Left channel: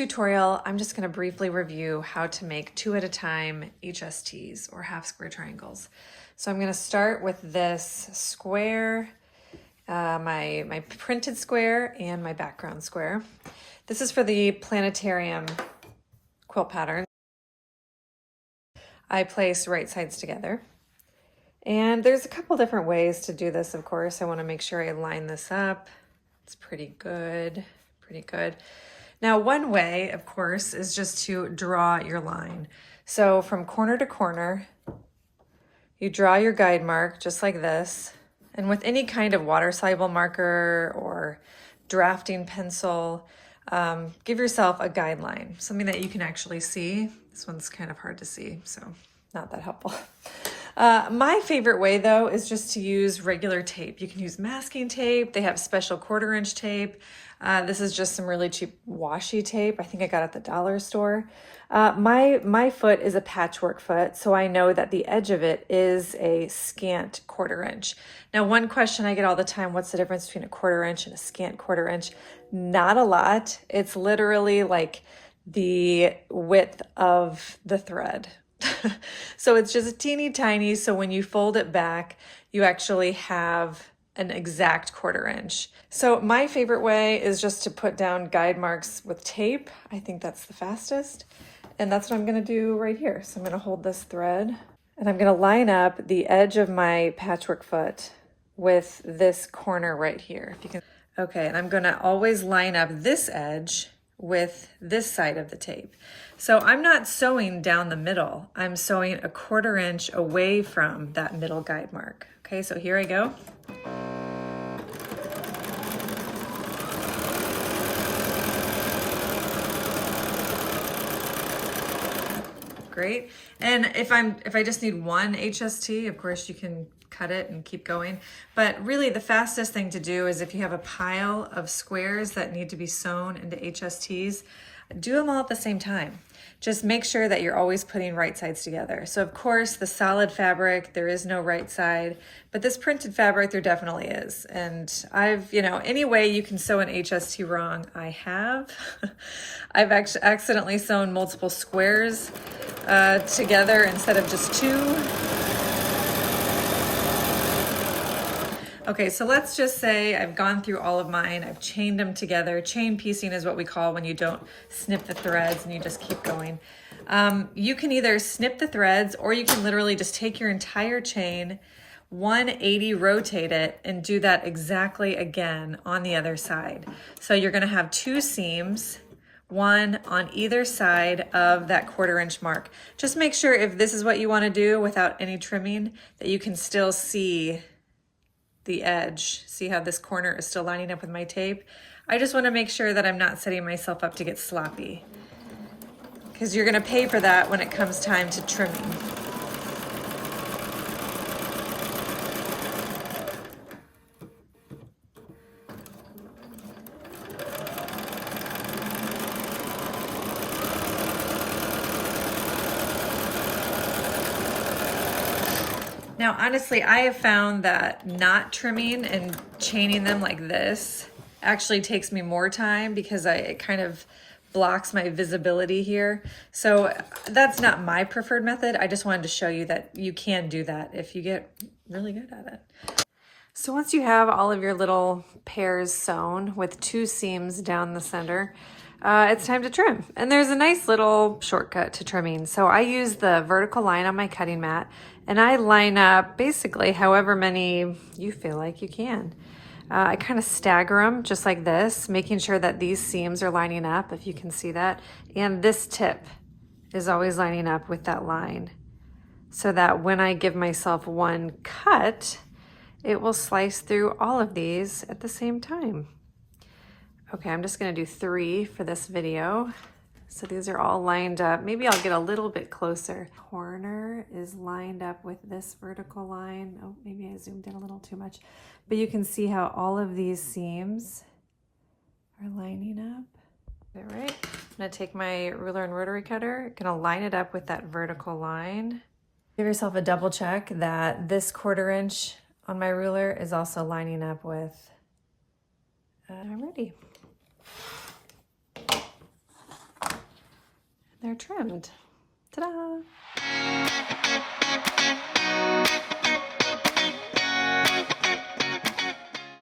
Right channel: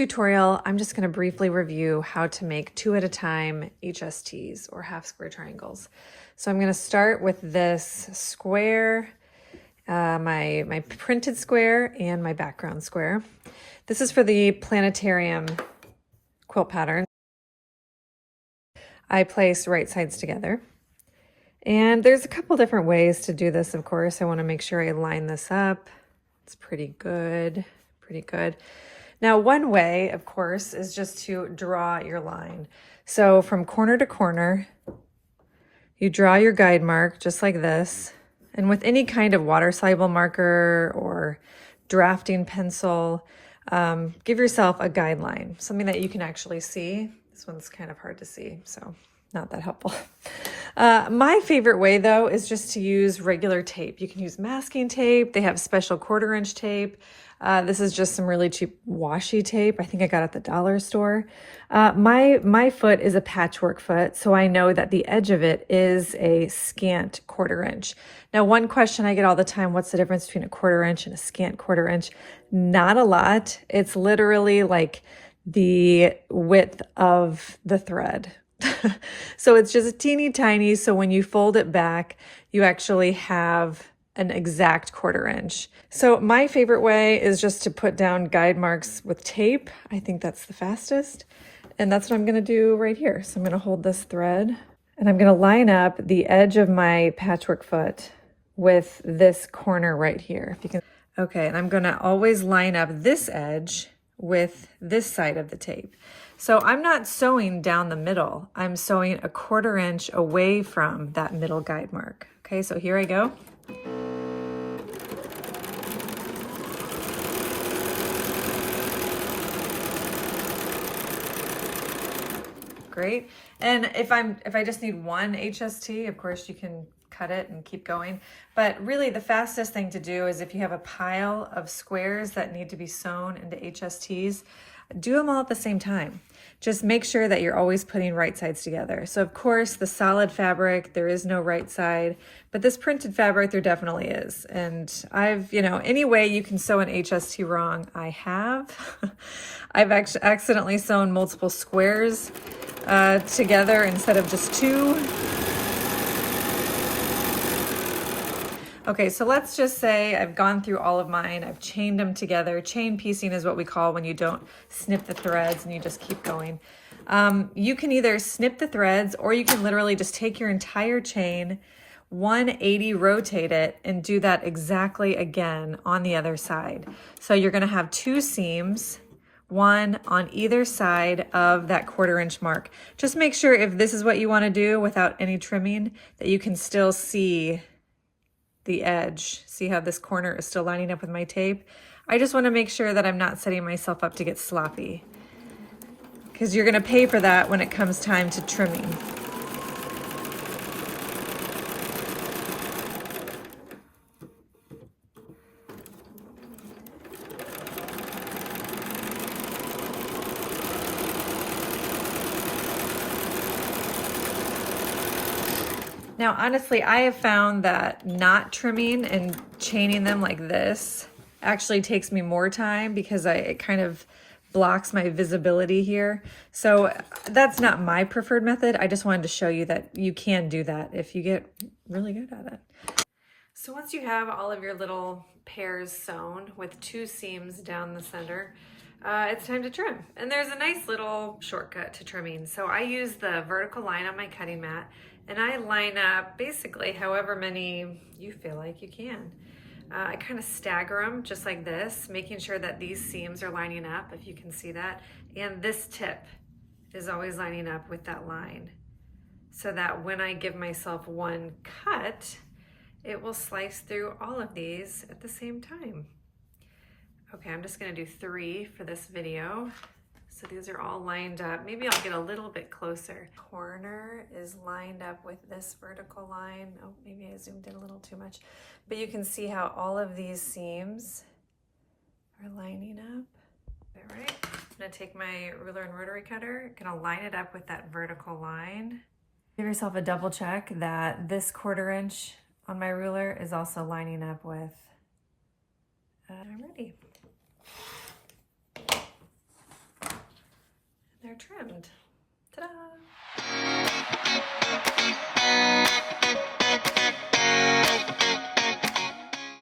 tutorial, I'm just going to briefly review how to make 2 at a time HSTs or half square triangles. So I'm going to start with this square, my printed square and my background square. This is for the planetarium quilt pattern. I place right sides together. And there's a couple different ways to do this, of course. I want to make sure I line this up. It's pretty good, pretty good. Now, one way, of course, is just to draw your line. So from corner to corner, you draw your guide mark just like this. And with any kind of water-soluble marker or drafting pencil, give yourself a guideline, something that you can actually see. This one's kind of hard to see, so not that helpful. My favorite way, though, is just to use regular tape. You can use masking tape. They have special 1/4-inch tape. This is just some really cheap washi tape. I think I got it at the dollar store. My foot is a patchwork foot, so I know that the edge of it is a scant 1/4-inch. Now, one question I get all the time, what's the difference between a 1/4-inch and a scant 1/4-inch? Not a lot. It's literally like the width of the thread. So it's just teeny tiny. So when you fold it back, you actually have an exact 1/4-inch. So my favorite way is just to put down guide marks with tape. I think that's the fastest. And that's what I'm gonna do right here. So I'm gonna hold this thread and I'm gonna line up the edge of my patchwork foot with this corner right here. Okay, and I'm gonna always line up this edge with this side of the tape. So I'm not sewing down the middle. I'm sewing a 1/4-inch away from that middle guide mark. Okay, so here I go. Great. And if I just need one HST, of course you can cut it and keep going. But really the fastest thing to do is if you have a pile of squares that need to be sewn into HSTs, do them all at the same time. Just make sure that you're always putting right sides together. So of course the solid fabric, there is no right side, but this printed fabric, there definitely is. And any way you can sew an HST wrong, I have. I've actually accidentally sewn multiple squares together instead of just 2. Okay, so let's just say I've gone through all of mine. I've chained them together. Chain piecing is what we call when you don't snip the threads and you just keep going. You can either snip the threads or you can literally just take your entire chain, 180 rotate it, and do that exactly again on the other side. So you're gonna have 2 seams, one on either side of that 1/4-inch mark. Just make sure if this is what you wanna do without any trimming, that you can still see the edge. See how this corner is still lining up with my tape? I just want to make sure that I'm not setting myself up to get sloppy, because you're going to pay for that when it comes time to trimming. Now, honestly, I have found that not trimming and chaining them like this actually takes me more time because it kind of blocks my visibility here. So that's not my preferred method. I just wanted to show you that you can do that if you get really good at it. So once you have all of your little pairs sewn with 2 seams down the center, it's time to trim. And there's a nice little shortcut to trimming. So I use the vertical line on my cutting mat and I line up basically however many you feel like you can. I kind of stagger them just like this, making sure that these seams are lining up, if you can see that. And this tip is always lining up with that line, so that when I give myself one cut, it will slice through all of these at the same time. Okay, I'm just gonna do 3 for this video. So these are all lined up. Maybe I'll get a little bit closer. Corner is lined up with this vertical line. Oh, maybe I zoomed in a little too much. But you can see how all of these seams are lining up. All right, I'm gonna take my ruler and rotary cutter, gonna line it up with that vertical line. Give yourself a double check that this 1/4-inch on my ruler is also lining up with, ready. trimmed. Ta-da!